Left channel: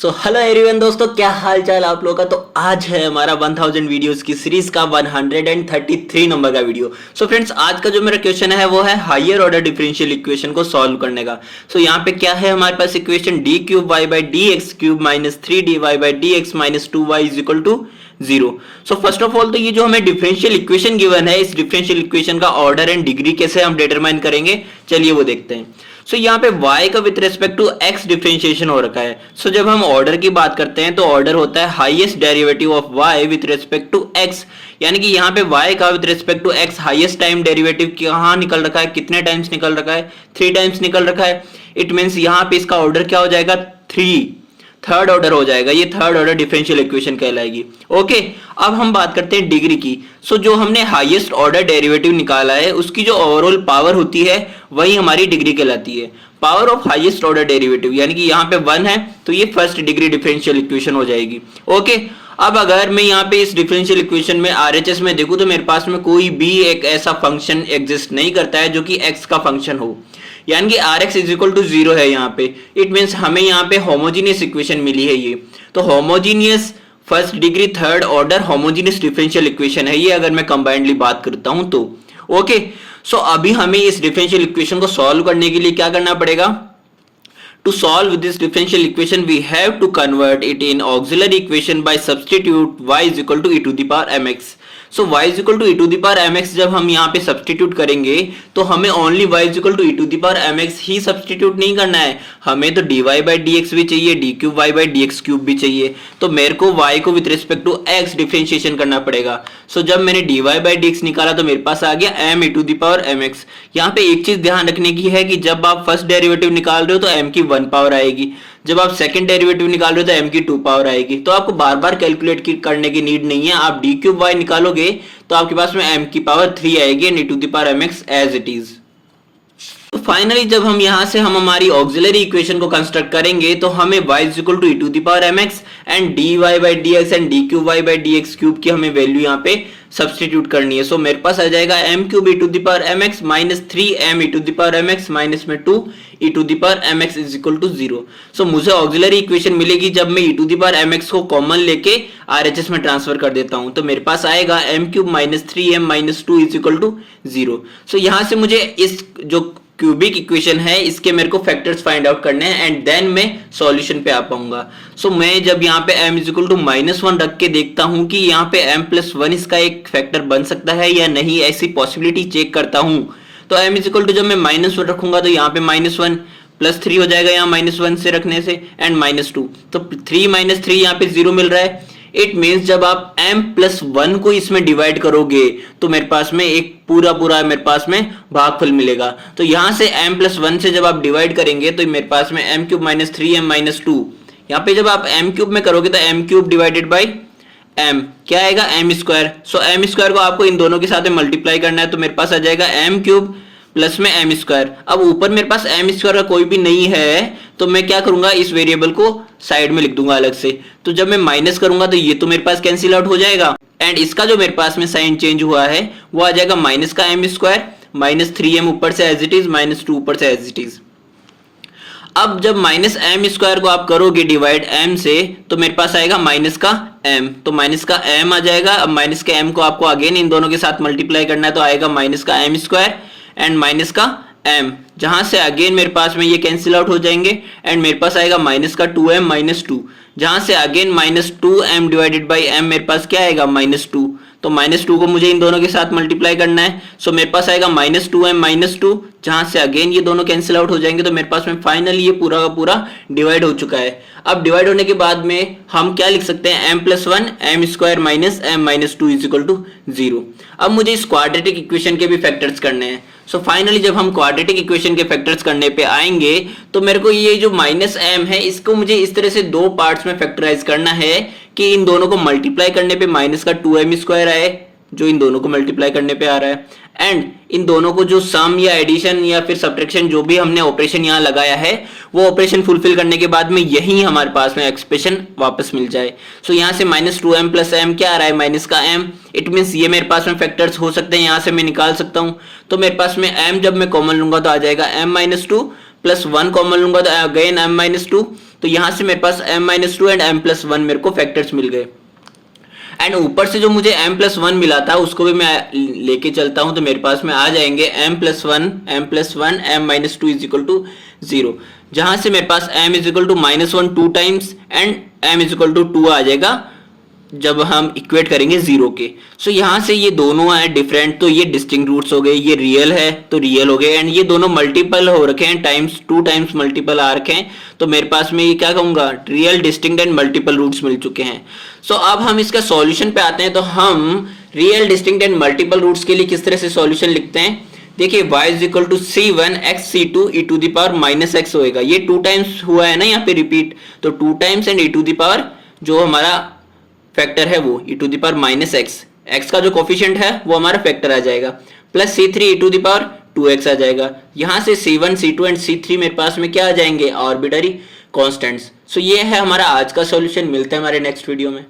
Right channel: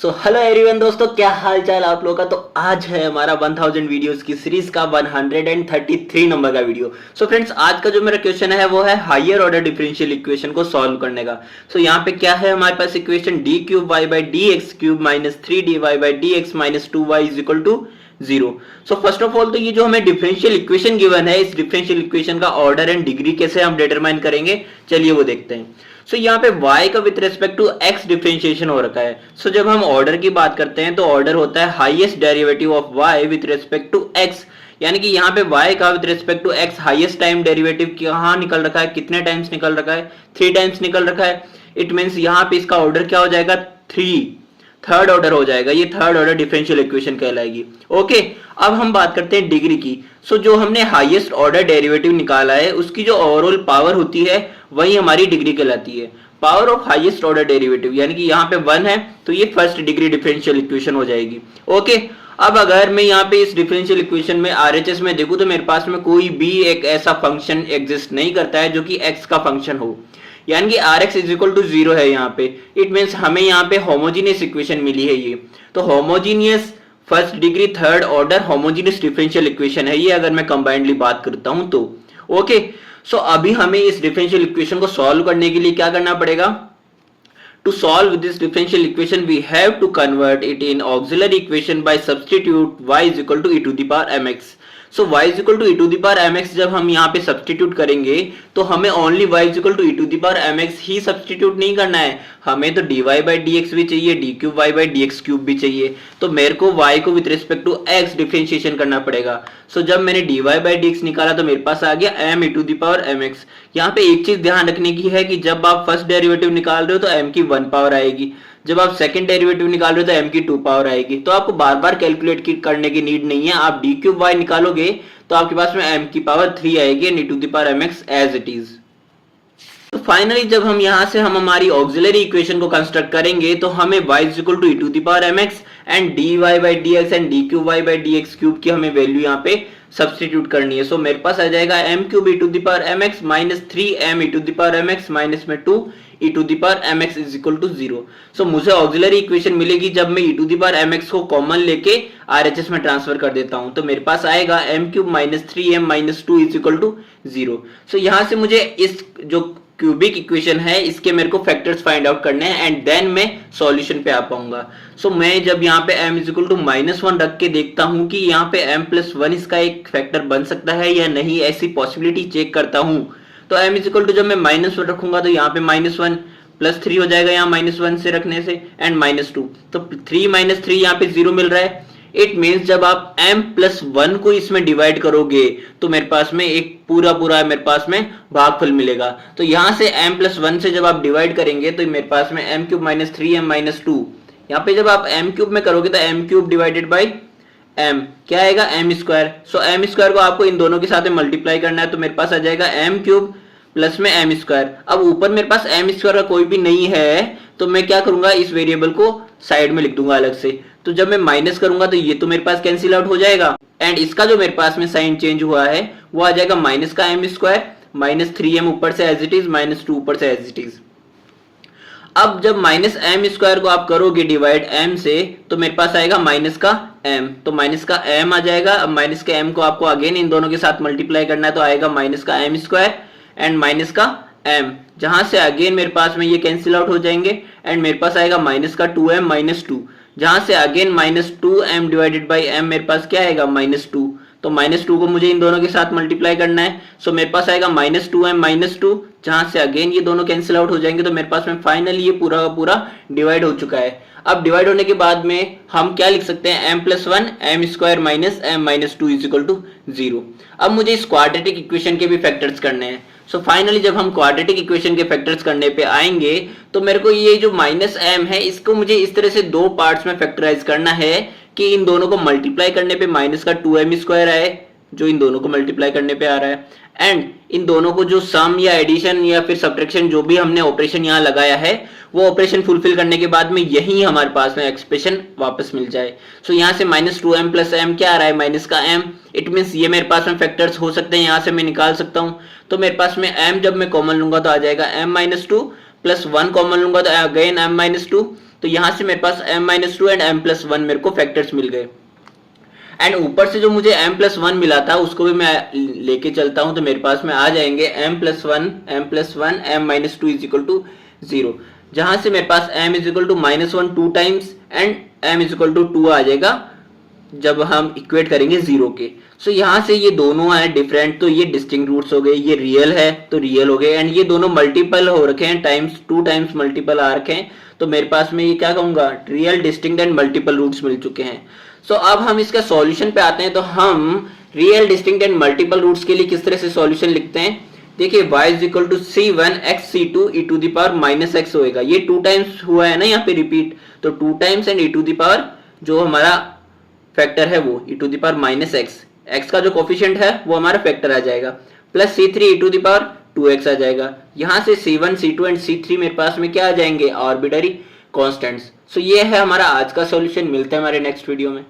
Hello everyone दोस्तों, क्या हाल चाल आप लोगों का। तो आज है हमारा 1000 वीडियोस की सीरीज का 133 नंबर का वीडियो। फ्रेंड्स, आज का जो मेरा क्वेश्चन है वो है हायर ऑर्डर डिफरेंशियल इक्वेशन को सॉल्व करने का। यहाँ पे क्या है हमारे पास equation D cube Y by D X cube minus 3 dy by D X minus 2y is equal to 0। First of all तो ये जो हमें डिफरेंशियल इक्वेशन गिवन है, इस डिफरेंशियल इक्वेशन का ऑर्डर एंड डिग्री कैसे हम डिटरमाइन करेंगे, चलिए वो देखते हैं। यहाँ पे y का with respect to x differentiation हो रखा है। जब हम ऑर्डर की बात करते हैं तो ऑर्डर होता है highest derivative of y with respect to x, यानी कि यहाँ पे y का with respect to x highest time derivative कहाँ निकल रखा है, कितने टाइम्स निकल रखा है, 3 टाइम्स निकल रखा है। इट मीन्स यहाँ पे इसका ऑर्डर क्या हो जाएगा, 3, थर्ड ऑर्डर हो जाएगा। ये थर्ड ऑर्डर डिफरेंशियल इक्वेशन कहलाएगी। ओके, अब हम बात करते हैं डिग्री की। जो हमने हाईएस्ट ऑर्डर डेरिवेटिव निकाला है उसकी जो ओवरऑल पावर होती है वही हमारी डिग्री कहलाती है। Power of highest order derivative यानी कि यहाँ पे 1 है तो ये फर्स्ट डिग्री डिफरेंशियल इक्वेशन हो जाएगी। ओके, अब अगर मैं यहाँ पे इस डिफरेंशियल इक्वेशन में आरएचएस में देखूं तो मेरे पास में कोई भी एक ऐसा फंक्शन एग्जिस्ट नहीं करता है जो कि एक्स का फंक्शन हो, यानी कि R X is equal to 0 है यहाँ पे। इट मीन्स हमें यहाँ पे होमोजीनियस इक्वेशन मिली है ये। तो homogeneous first degree third order homogeneous differential equation है ये, अगर मैं कंबाइंडली बात करता हूं तो। ओके, अभी हमें इस डिफरेंशियल इक्वेशन को सॉल्व करने के लिए क्या करना पड़ेगा। To solve this differential equation, we have to convert it in auxiliary equation by substitute y is equal to e to the power mx. y is equal to e to the power mx जब हम यहाँ पे substitute करेंगे तो हमें only y is equal to e to the power mx he substitute नहीं करना है, हमें तो dy by dx भी चाहिए, d cube y by dx cube भी चाहिए। तो मेरे को y को with respect to x differentiation करना पड़ेगा। जब मैंने dy by dx निकाला तो मेरे पास आ गया m e to the power mx। यहाँ पे एक चीज ध्यान रखने की है कि जब आप फर्स्ट डेरिवेटिव निकाल रहे हो तो m की 1 पावर आएगी, जब आप सेकंड डेरिवेटिव निकाल रहे हो तो m की 2 पावर आएगी। तो आपको बार बार कैलकुलेट करने की नीड नहीं है, आप d क्यूब y निकालोगे तो आपके पास में m की पावर 3 आएगी and e to the power mx as it is. तो फाइनली जब हम यहां से हम हमारी ऑक्सिलरी इक्वेशन को कंस्ट्रक्ट करेंगे तो हमें y is equal to e to the power mx and dy by dx and d cube y by dx cube की हमें वैल्यू यहाँ पे सब्सटीट्यूट करनी है। मेरे पास आ जाएगा m cube e to the power mx minus 3m e to the power mx minus में 2 e to the power mx is equal to 0। मुझे ऑक्सिलरी इक्वेशन मिलेगी जब मैं e to the power mx को कॉमन लेके RHS में transfer कर देता हूं तो मेरे पास आएगा m cube minus 3m minus 2 is equal to 0। यहाँ से मुझे इस जो क्यूबिक इक्वेशन है इसके मेरे को फैक्टर्स फाइंड आउट करने हैं एंड देन मैं सॉल्यूशन पे आ पाऊंगा। मैं जब यहाँ पे m इज इक्वल टू -1 रख के देखता हूँ कि यहाँ पे m प्लस 1 इसका एक फैक्टर बन सकता है या नहीं, ऐसी पॉसिबिलिटी चेक करता हूँ। तो m इज इक्वल टू जब मैं -1 रखूंगा तो यहाँ पे -1 प्लस 3 हो जाएगा यहाँ -1 से रखने से एंड -2, तो 3 - 3 यहाँ पे 0 मिल रहा है। इट मीन्स जब आप m प्लस 1 को इसमें डिवाइड करोगे तो मेरे पास में एक पूरा मेरे पास में भागफल मिलेगा। तो यहां से m प्लस 1 से जब आप डिवाइड करेंगे तो मेरे पास में m cube minus 3m minus 2, यहाँ पे जब आप m क्यूब में करोगे तो m cube divided by m क्या आएगा m स्क्वायर। m स्क्वायर को आपको इन दोनों के साथ में मल्टीप्लाई करना है तो मेरे पास आ जाएगा m क्यूब प्लस में m स्क्वायर। अब ऊपर मेरे पास m स्क्वायर का कोई भी नहीं है तो मैं क्या करूंगा, इस वेरिएबल को साइड में लिख दूंगा अलग से। तो जब मैं माइनस करूंगा तो ये तो मेरे पास कैंसिल आउट हो जाएगा एंड इसका जो मेरे पास में साइन चेंज हुआ है वो आ जाएगा माइनस का m स्क्वायर माइनस 3m ऊपर से एज इट इज माइनस 2 ऊपर से एज इट इज। अब जब माइनस m स्क्वायर को आप करोगे डिवाइड m से तो मेरे पास आएगा माइनस का m, तो माइनस का m आ जाएगा। अब माइनस के m को आपको अगेन इन दोनों के साथ मल्टीप्लाई करना है तो आएगा माइनस का m स्क्वायर एंड माइनस का m, जहां से अगेन मेरे पास में ये कैंसिल आउट हो जाएंगे एंड मेरे पास आएगा माइनस का 2m माइनस 2, जहां से again minus 2m divided by m मेरे पास क्या आएगा -2, तो -2 को मुझे इन दोनों के साथ मल्टीप्लाई करना है। मेरे पास आएगा -2m माइनस 2, जहां से अगेन ये दोनों कैंसिल आउट हो जाएंगे तो मेरे पास में फाइनली ये पूरा का पूरा डिवाइड हो चुका है। अब डिवाइड होने के बाद में हम क्या लिख सकते हैं, m plus 1 m square minus m minus 2 is equal to 0। अब मुझे इस क्वाड्रेटिक इक्वेशन के भी फैक्टर्स करने हैं। फाइनली जब हम क्वाड्रेटिक इक्वेशन के फैक्टर्स करने पे आएंगे तो मेरे को ये जो माइनस m है इसको मुझे इस तरह से दो पार्ट्स में फैक्टराइज करना है कि इन दोनों को मल्टीप्लाई करने पे माइनस का 2m स्क्वायर आए, जो इन दोनों को मल्टीप्लाई करने पे आ रहा है, एंड इन दोनों को जो सम या एडिशन या फिर सब्ट्रैक्शन जो भी हमने ऑपरेशन यहाँ लगाया है वो ऑपरेशन फुलफिल करने के बाद में यही हमारे पास में एक्सप्रेशन वापस मिल जाए। यहाँ से -2m प्लस m क्या आ रहा है, माइनस का m। इट मीन्स ये मेरे पास में फैक्टर्स हो सकते हैं, यहाँ से मैं निकाल सकता हूँ। तो मेरे पास में m जब मैं कॉमन लूंगा तो आ जाएगा m माइनस 2 प्लस 1 कॉमन लूंगा तो अगेन m माइनस 2, तो यहाँ से मेरे पास m-2 एंड m+1 मेरे को फैक्टर्स मिल गए। एंड ऊपर से जो मुझे m+1 मिला था उसको भी मैं लेके चलता हूं, तो मेरे पास में आ जाएंगे m+1 m-2 is equal to 0, जहां से मेरे पास m is equal to -1 2 times and m is equal to 2 आ जाएगा जब हम इक्वेट करेंगे 0 के। सो यहाँ से ये दोनों है डिफरेंट, तो ये डिस्टिंक्ट रूट्स हो गए, ये रियल है तो रियल हो गए, एंड ये दोनों मल्टीपल हो रखे हैं, टाइम्स 2 टाइम्स मल्टीपल आ रखे हैं, तो मेरे पास में ये क्या कहूंगा, real, distinct and multiple roots मिल चुके हैं। सो अब हम इसका सॉल्यूशन पे आते हैं, तो हम real, distinct and multiple roots के लिए किस तरह से सॉल्यूशन लिखते हैं। देखिए y is equal to c1x c2 e to the power -x होएगा, ये 2 टाइम्स हुआ है ना यहाँ पे रिपीट, तो 2 times and e to the power जो हमारा फैक्टर है वो e to the power -x, x का जो कोफिशिएंट है वो हमारा फैक्टर आ जाएगा, plus c3 e to the power 2x आ जाएगा। यहाँ से c1 c2 एंड c3 मेरे पास में क्या आ जाएंगे, आर्बिट्ररी कांस्टेंट्स। सो ये है हमारा आज का सॉल्यूशन। मिलता है हमारे नेक्स्ट वीडियो में।